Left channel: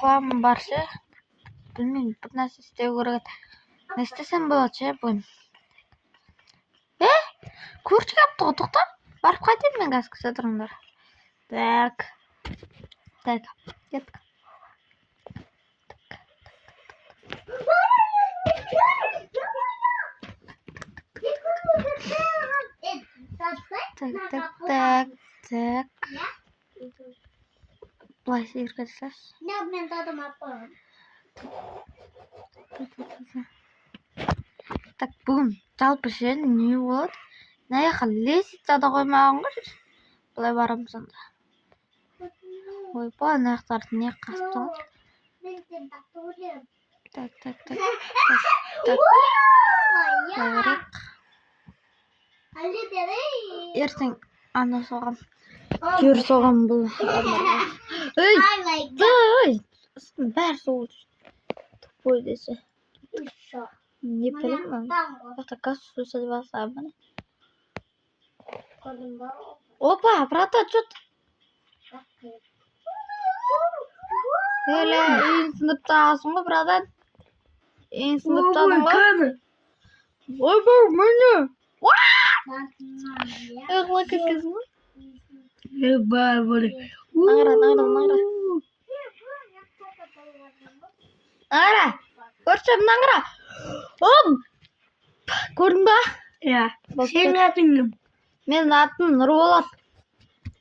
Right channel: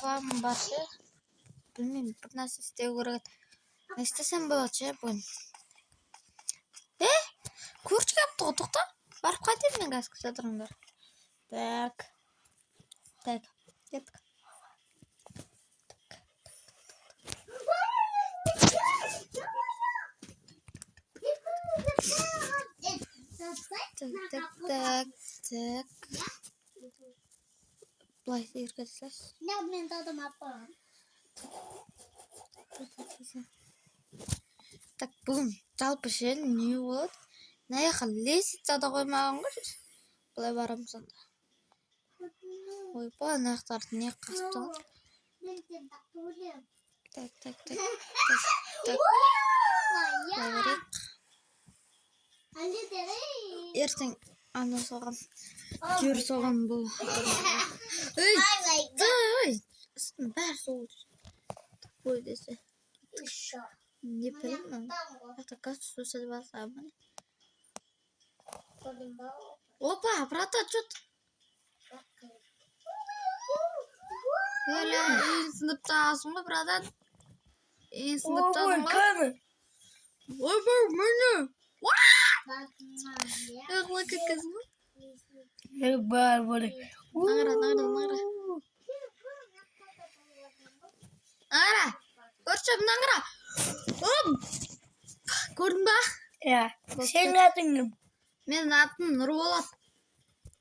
планым бар ше. Білмеймін, бір нәрсе істеу керек. Не істесем болады ше бүгін. Көрші келіпті ғой, тоқта. Барып қайтайын мен қазір, күте тұрыңдар. Так, кеттік. Так. Былай сиырға жасаш. Мен тадым аппам. Так, бүгін жалпы ше не болады? Наяққа лестницада қоймаған ғой. Былай барамыз онда. Ойпа, аяқтарды не қасып тұр? Так. Ертең ана соған. Кер соған бұл. Ой, бәрі соғылды. Ой десе. Не білемін. Яқта газ сусады баса міне. Опа, брата, что-то. Öyle iyi sınıftasın mı brother? İyi sınıftasın mı? Oy bu ne? Öyle kız mı? Böyle. Nangara. Görüşüm nangara. Hop. Gördün ba? Ya. Senin adın kim? Benim adım Nurbolat.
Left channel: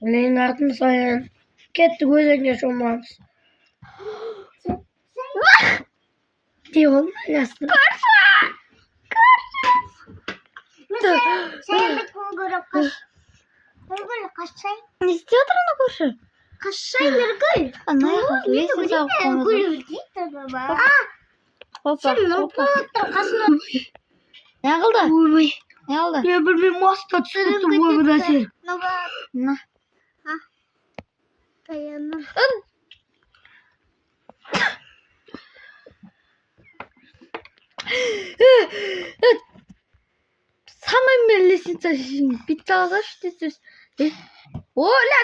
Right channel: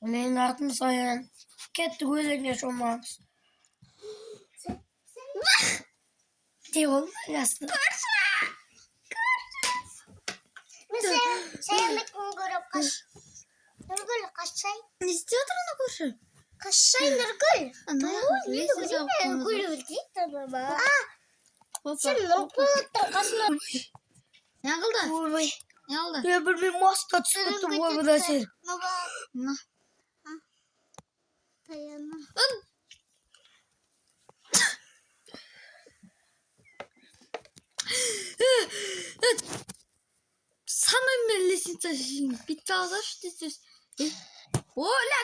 Benim adım Sayan. Kettik özünge şomamız. Diyorum aslında. Sen bir kongre kaçay. Ne istiyordur onu görüşüm? Kaçay virgül. Ana ya, lesiz av konusu. Hoppa. Ne oldu? Uy. Ne oldu? Ya bir masta çıktı bu da şey. Ne? Dayanam. Самый лестница bitti ağaç dizüz. Ola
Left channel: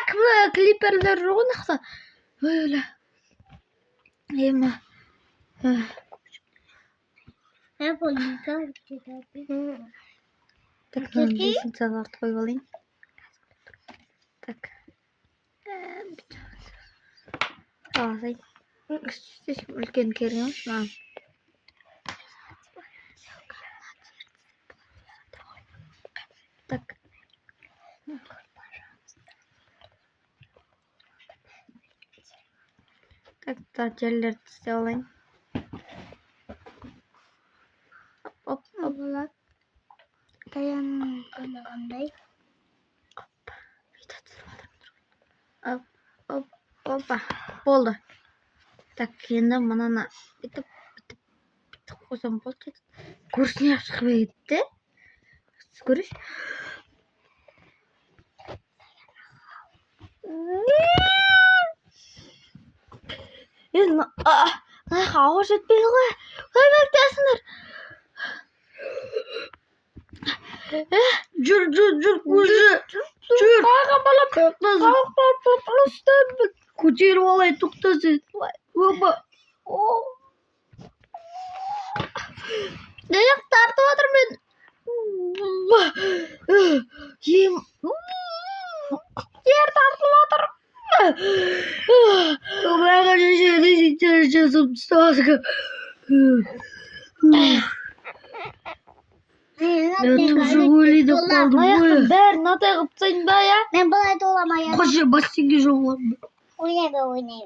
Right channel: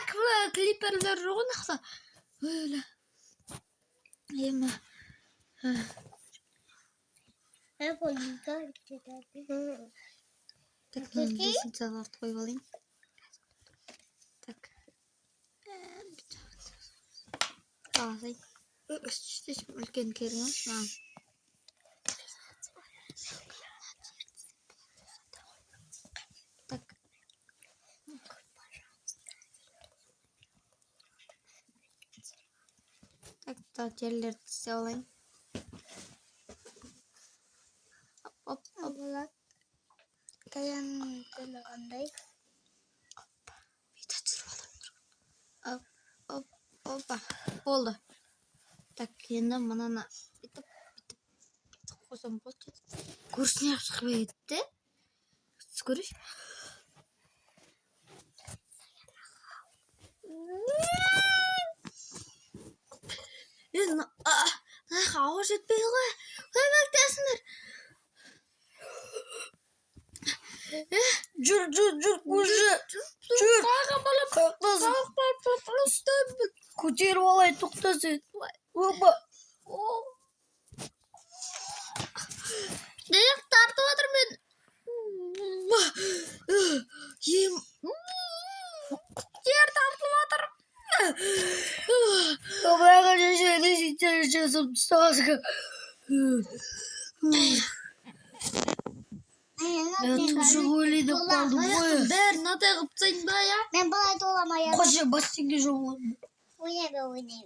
kliperler roğunakta. Öyle. Yeme. Ne koyayım? Так, лестницаларды қойып алайын. Так. Алайын. Үлкен керек емес маған. Так. Так, жерлерді істеп алайын. Оп. Dayanam qanday? Видео түсіріп отырмын. Опа. Болды. Так, енді мынаны бүйтіп қойсам болды. Көршіне шығып кетті. Көріш. Ауыр жетпейді ғой. Қой бәктесіңдер. Жүр, көзі. Жүр. Қайға балап. Тоқтасын. Көтеріп алай, тоқтасын. Опа. Неяқ тартып отыр мен. Жер тартып отыр. Обраға жешеді жасып тұстағасыға. Мен тұшы өлейді қалдым ғой. Аяқтың бәрін натай қып тастайын ба, я? Мен бұлай доламайын. Қошы бассейнге жоғылам. Ойнай.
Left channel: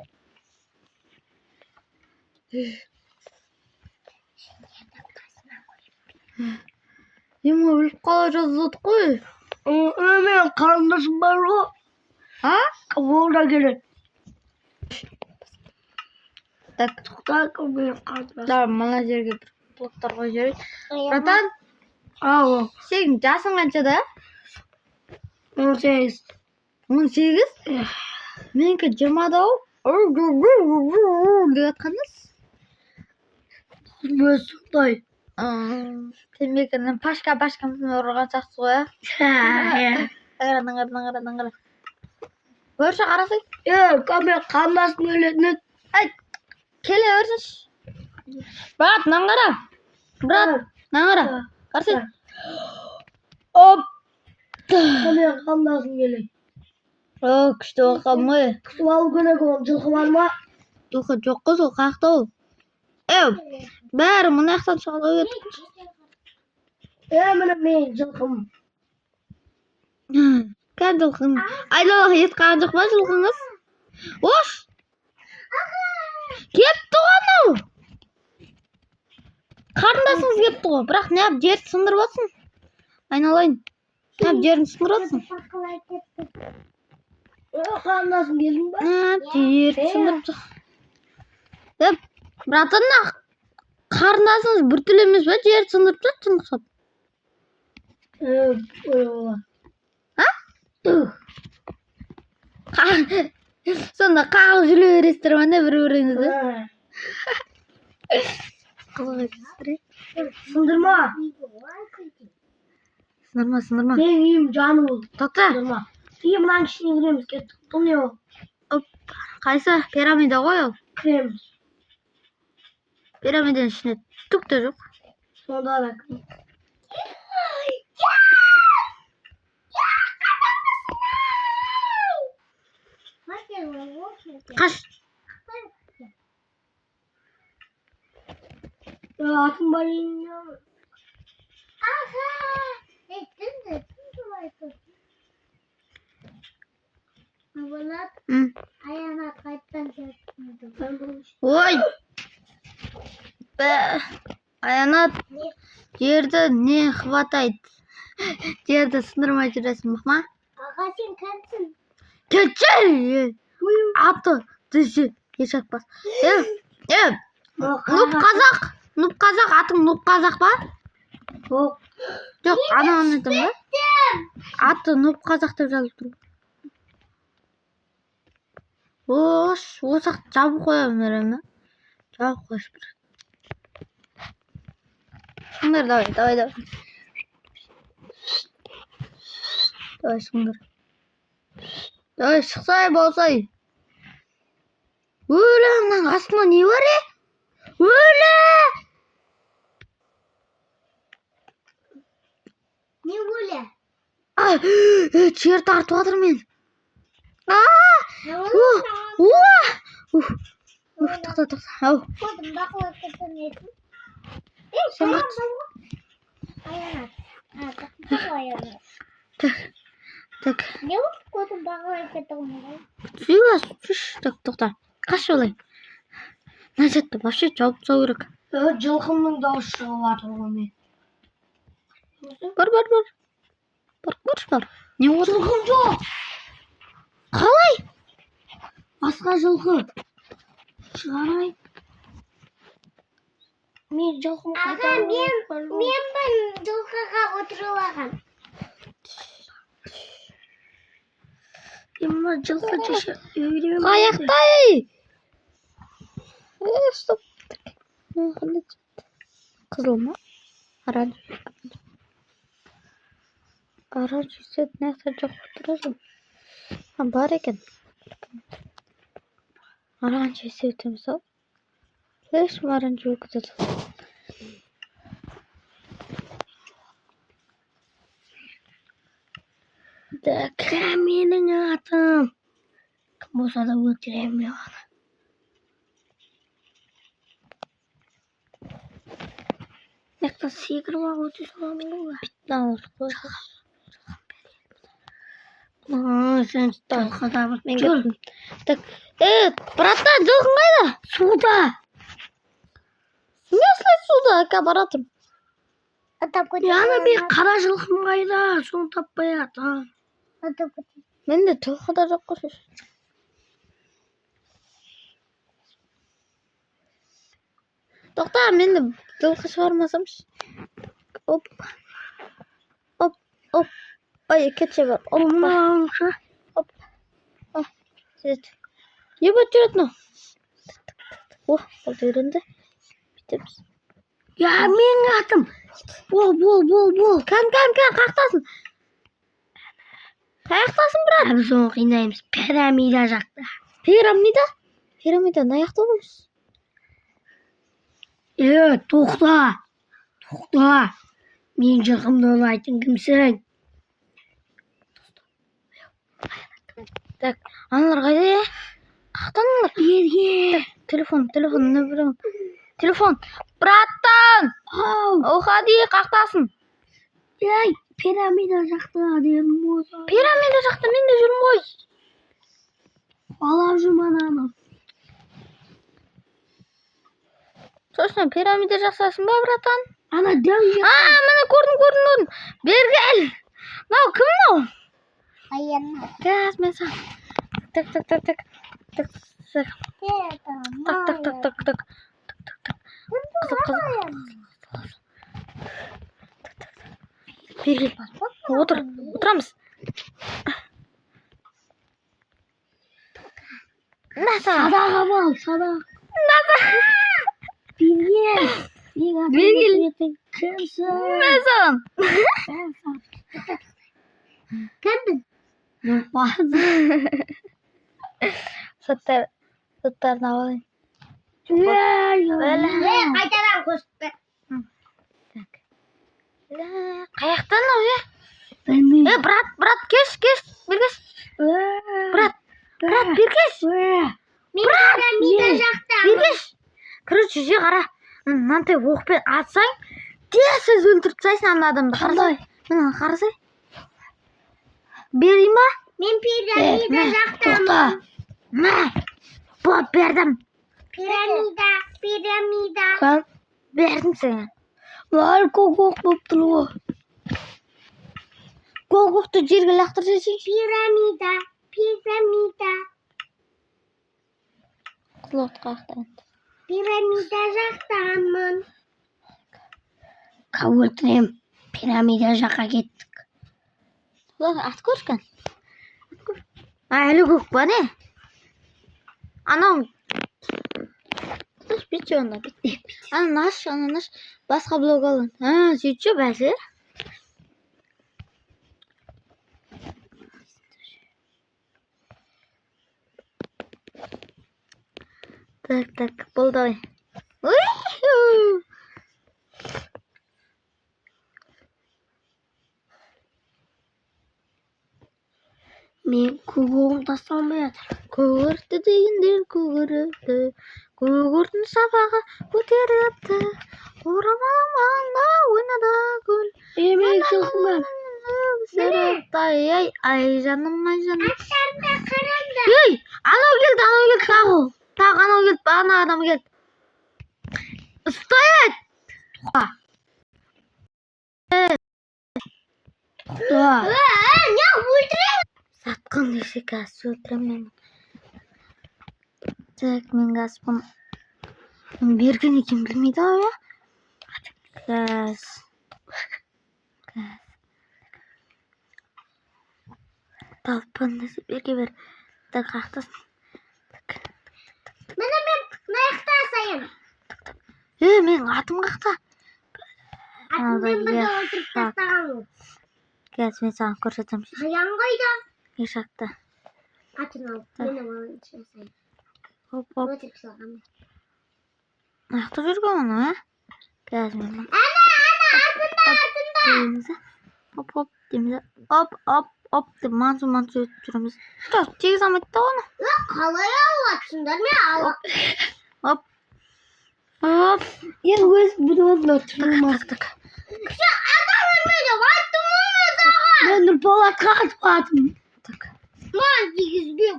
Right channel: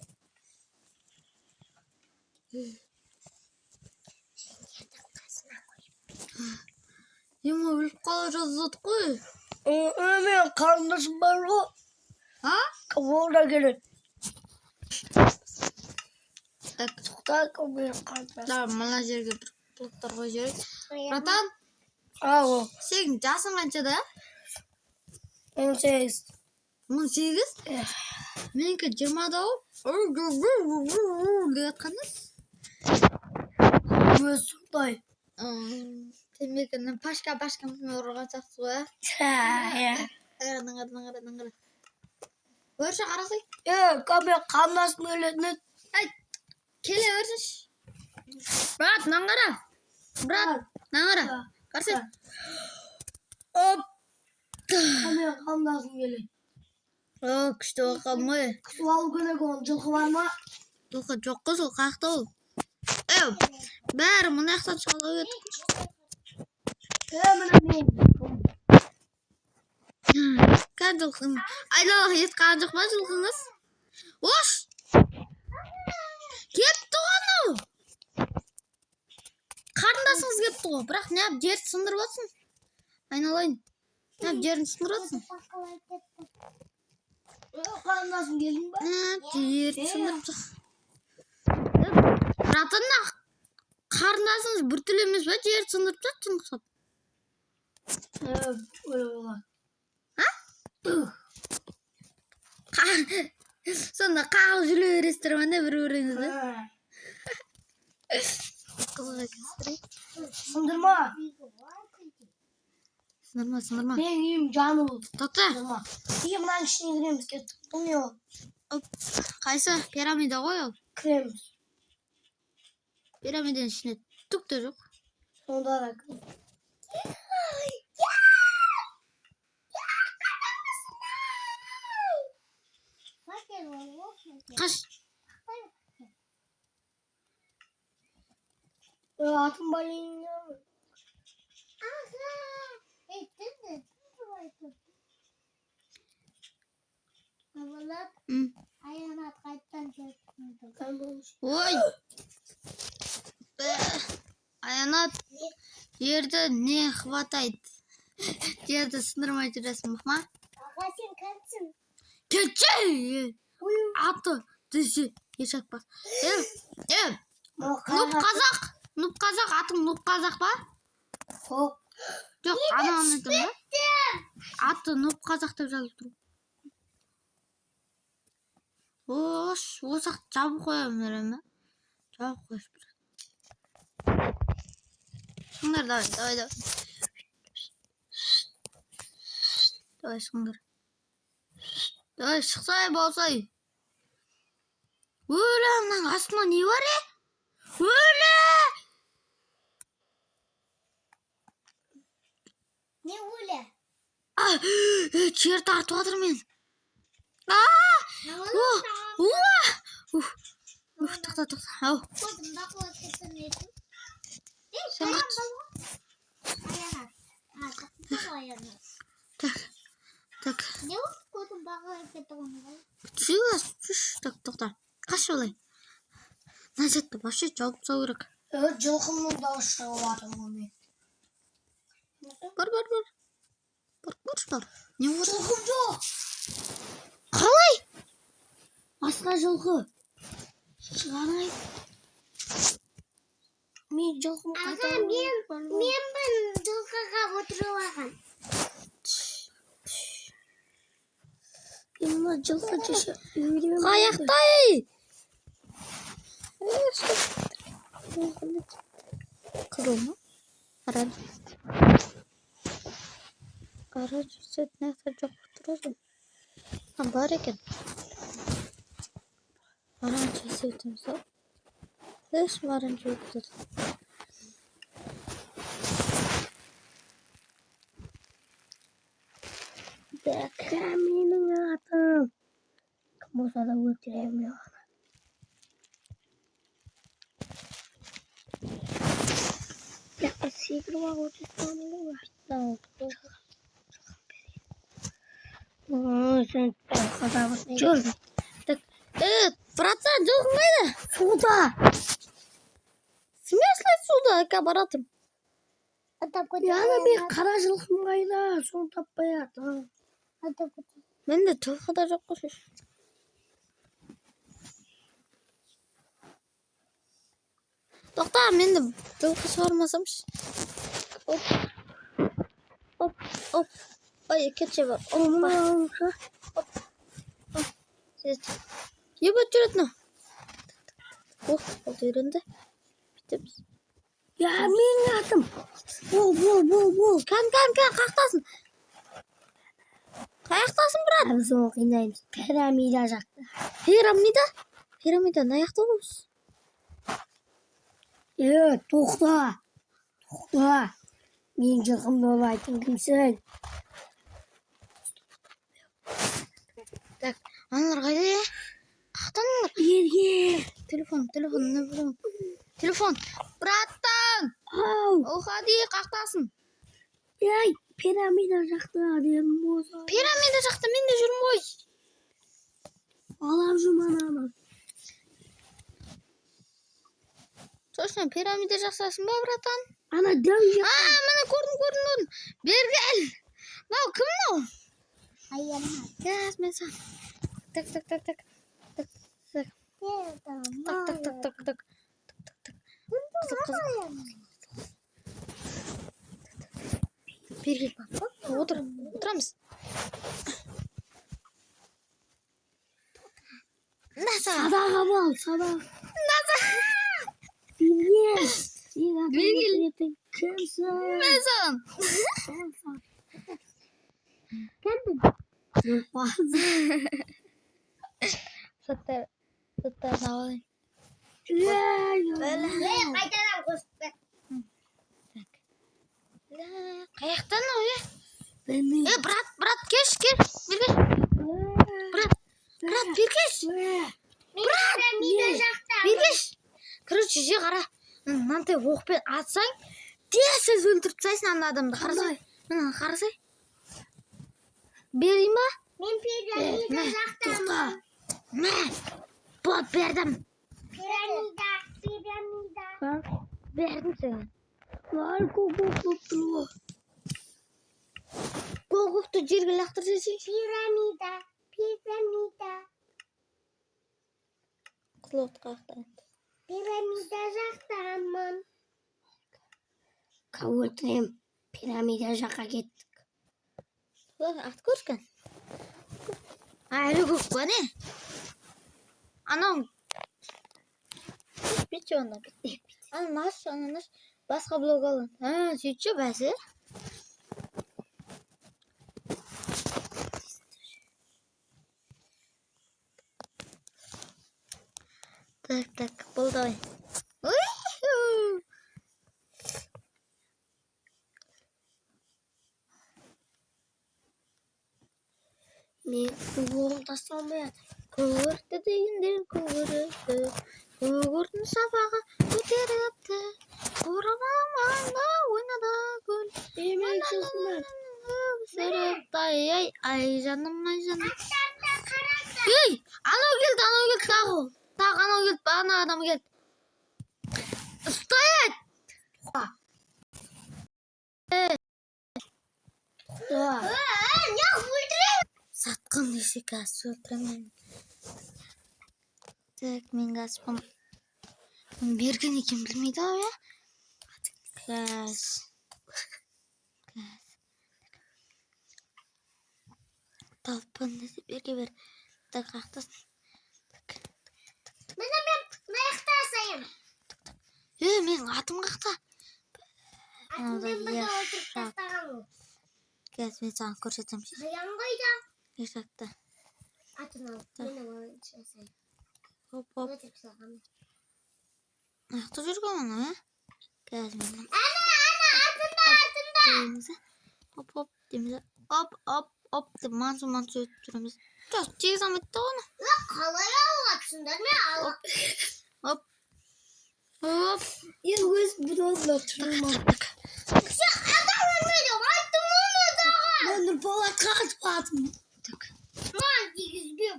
Ема өліп қала жаздық қой. Мен қарындасым бар ғой. А? Волда келеді. Так, Так, мен қарындасым. да, мына жерге бір блоктар қойып жіберейік. Братан, Ау. сенің жасың қаншада? 18. 18? Менікі 20-да-ау. Деп жатқаныз? Өз сұқтай. Темекінің пашка-пашкамызын ұрған сақсы ғой, Ә? Наңғара. Көрші қарасай. Мен қарындасым өледі. Ay. Keliyoruz. Murat, nangara. Murat, nangara. Karşı. Hop. Hemen kan lazım geliyor. Yok işte o kamı. Sual güne koyun. Жылқы var mı? Yok kız o kalktı o. Bari bunu yaktan çalıyor. Hemen men жылқым. Kan жылқын. Aylalı yetkan жоқ па жылқыңыз? Ош. Кетті ғой. Қарындасыңыз кетті ғой. Бірақ не ап жерді сындырып атсың? Айналайын. Ne ап жерін сындырып атсың? Kan lazım gelin mi? Жерді сындырып жатыр. Братанна қарындасыңыз біртүрлі емес пе? Жерді сындырып жатыр тыңдап. Öyle var. Сонда қағып жүре бересіздер ма не бір-біріңізді? Sındırma. Сындырма. Ben iyiyim canım ol. Тоқта. Sındırma. İyiyim lan işine giremiz. Bu ne o? Қайсы? Пирамида ғой ол. Krem. Пирамиданың ішінде түк те жоқ. Sonunda da krem. Қаш. Atın balığını ya. Ayağına kayıttan çektim. Ой. Аянат. Жерді не хватает? Жерді сындырмай жүресің ма? Аға сен кәнсің. Кетші! Аты дүйсі ешакпас. Нұп қазақ, атың Нұп қазақ ба? Жоқ, ананы айтам ба? Аты Нұп қазақ деп жазылып тұр. Осақ жабып қоямын өрем. Жабып қойыш бір. Шыңдар, давай. Давай, шыңдар. Давай, шықсай, болсай. Өлі, мынаның астында не бар, Өлі! Не өлі? Жер тартып жатыр мен. Тоқта. Ау. Kodum bakıла kızın nesin? Sen kaç. Ayağına. Bakıla ayağına. Так. Ne o? Kodum bakıla kızın nesin? Так, тоқта. Қаш олай. Назетті вообще жауып тастау керек. Жылқымның дауысы шығып жатыр ғой мен. Бар. Не болды? Жылқым жоқ. Қалай? Басқа жылқы. Шығарайын. Мен жылқым Аға мен жылқыға отырып алған. Мен мына жылқы жеше. Аяқтай! Стоп. Қызыл ма? Оранжевый цвет нәқтар жоқ тұрады. Бар екен. Оранжевый цвет мысалы. Ешім оранжевый күтеді. Так, менің атым. Кім болса да өлтіремін мен оны. Секіріп алып өтесің ғой. Сен қазағыз мен кеттім. Так, братан, жылқың қайда? Суда. Смысле суда? Әке баратым. Яны мен қара жылқым қайда? Соны таппай атам. Менде жылқы да жоқ қой. Тоқта, менде жылқы шығармасамшы. Оп. Ой, кетше бар. Оп. Ебат жүретін о. Ол үйренді. Бітеміз. Я, менің атым. Бол. Кән, қақтасын. Қаяқтасын, брат. Біз оны қинаймыз. Пирамида жақта. Пирамида? Пирамиданы аяқтауымыз. Тоқта. Мен жылқымды ойлайтын кімсің? Так, аналар қайда я? Қақтан аналар? Ерге. Телефон, не білем. Телефон. Браттан! Уходи, қақтасын. Ей, пирамида жақта дедім осы. Пирамида жақта мен де жүрмін ғой. Алап жүрмін ананы. Точно, пирамида жақсасың ба, братан? Ана дәу жақ. Міне көрдім. Бергел. Мынау кім мынау? Аянат. Газ мен саған. Так. Қызық. Бергел. Отырамыз. Наса. Садаға бол, садаға. Наса. Бергел. Кімсің? Мен саған. Кімдің? Нұрпазы. Соттарын алайын. Қайтадан көшті. Қаяқтан ау, е? Білмеймін. Брат, кеш. Бергеш. Брат, бергеш. Мен пирамида жақта. Бергеш. Короче, же қара. Мынандай оқпен атсаң, тез өлтіріп тастайсың ана адамды. Қандай? Мына қарасай. Берейін ба? Мен пирамида жақтамын. Тоқта. Бердім. Пирамида. Бердім саған. Var көк болып тұр ғой. Көкті жерге лақтыр жесейші. Пирамида. Құлат қақтан. Пирамида жақтамын. Өлтірем. Пирамида жаққа кеттік. Ат көрскен. Әлі көк ба не? Анау. Бітші онда. Ана наш. Басқа блок алын. Сөйтші бәсі. Так, болды ой. Мен көгірім тасталмай жатыр. Көгірді дегендер көгіріпті. Көгірдің сабағы көтеріпті. Орамалың маңда ойнада гүл. Мен жылқымын. Ай жаным. Аттарда қараңдар. Ей, анау келді. Тағы анау келді. Ана адам келді. Стоять! Не өлтірем. Сатқын десе газ өлтіремін. Так, мен газ бұны. Берген екен білмейді ау, я? Газ. Талпынды берге бер. Так, қақтасын. Мені мен маяқта асайын. Мен атым қақта. Атыммен бірді өлтіріп тастаған. Газ, мен саған көрсетем. Аян қайда? Ешақта. Атын алып, мені баланшы асайын. Оп. Өлтіріп салған. Аяқта жүрген оны, а? Газ, мен. Артында. Оп, дейміз. Оп, деп мансу өтіп жүреміз. Жоқ, тегіз алмайды да оны. Қалай алатсыңдар мен алып. Оп. Енді өз бұдығын отырмын. Кіші адам өлмейді, айттым оны дағы. Мен Нұрболатқа қатып қатым. Ман дегізбем.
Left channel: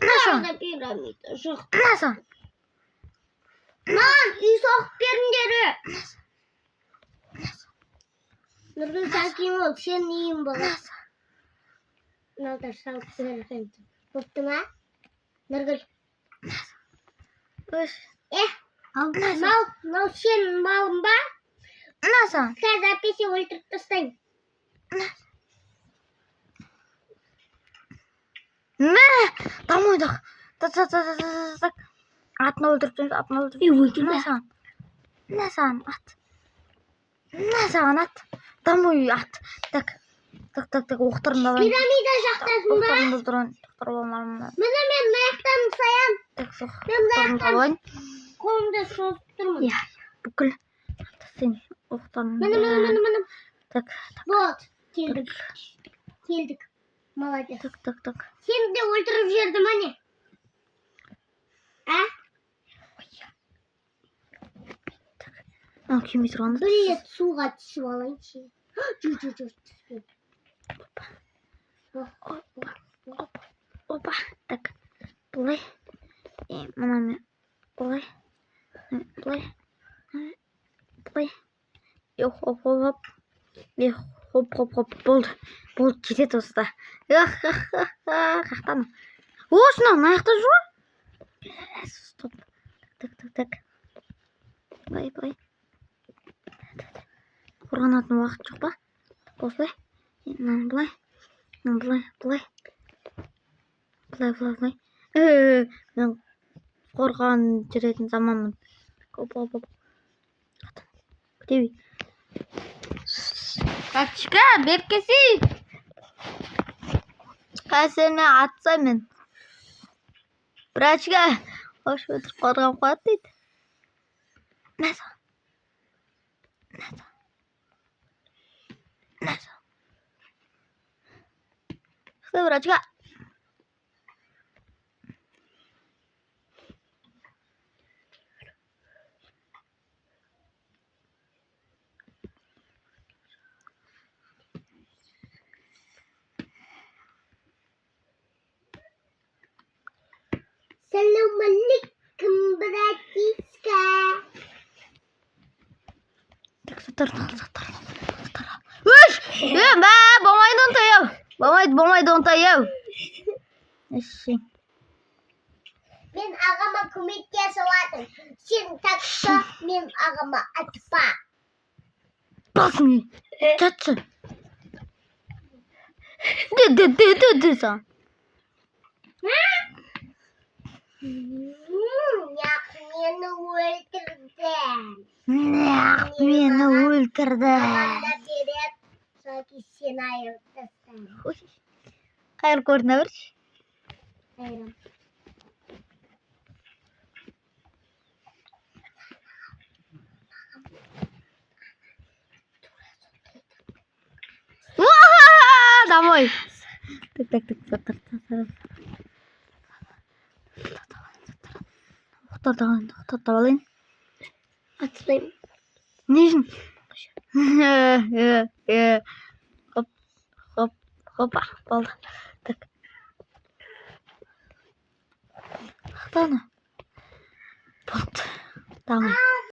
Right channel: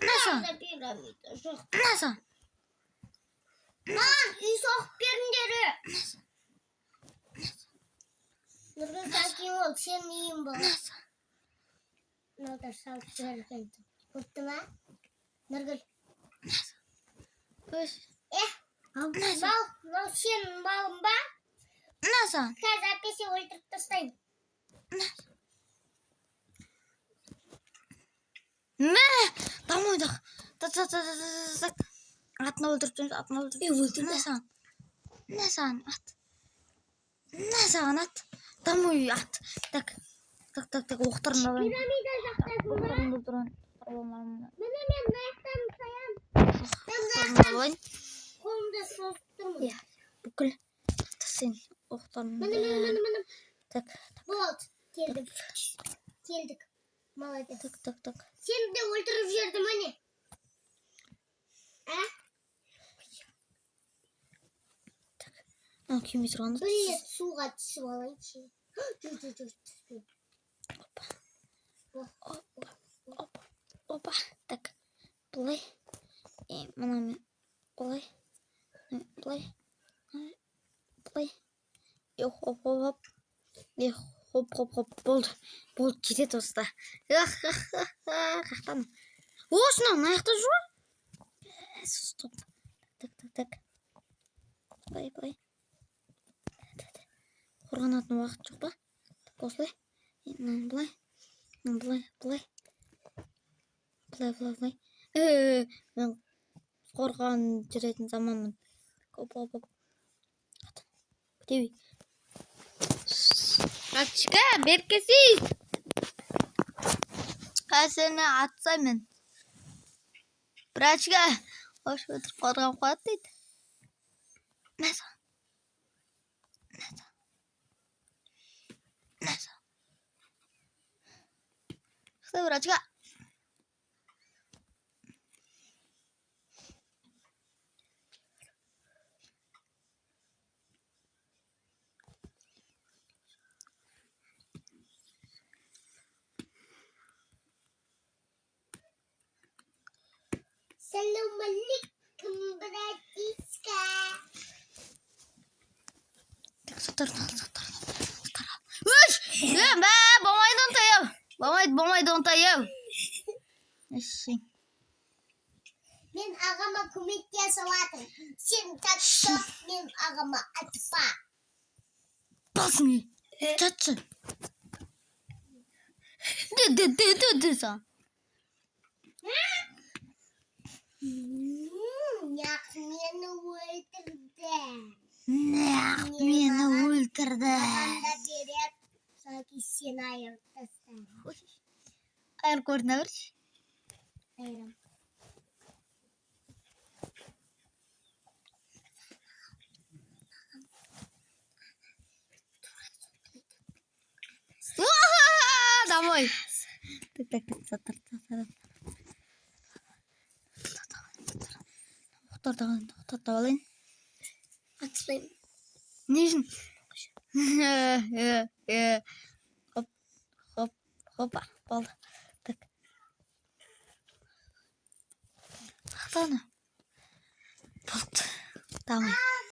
Наса? Манда пирамида жоқ. Наса? Ман үй соғып беріңдері. Нұргүл сәкем ол, сен үйін болады. Наса? Мыналар салып берген. Бопты ма? Нұргүл. Мал сен малың ба? Наса? Қазір әпесе өлтіріп тастайын. Домойдық. Атын өлтіріп жүрміз, Насан, ат. Насан, ат. Домой ат. Так, оқтарында. Пирамида жақтасың ба? Оқтарында тұрын. Міне мен Оқтарын Қолымда созып тұрмын. Иә, бүкіл сен оқтарын. Міне. Так, Вот, келдік. Молодец. так. Сені де өлтіріп жіберді міне. А? Ал күймей тұрғанды. Бір рет суға түсіп алайыншы. Жүр. Опа, так. Бұлай. Мына мен. Бұлай. Хоп. Болды, жетеді осыда. Қақтан. Осына, аяқта жүр. Стоп. Так. Бұлай. Қорғанатын уақыт жоқ па? Осылай. Бұлай. Мен қорған жүретін заманмын. Оп. Күтеуі. Рачка, беккесіз. Қасыны атсаймен. Рачка, хош өтір қорған қуат дейді. Нәсі. Что, врачка? Салам алейкум, братишка. Так, сатыр. Үш! Болмайды онтайым. Эшең. Мен ағама көмектесе алатын. Сен такса, мен ағама атпа. Басың. Жатшы. Ды. Мені өлтірді. Мені өлтірді. Ағамда берет, соки сен айырып тастаймын. Қайыр көріне бірші. Айырым. Домой. Так. Тоқтап алайын. Атпаймын. Не үшін? Хопа, болды. Так. Тоқтаны. Болды. Домой.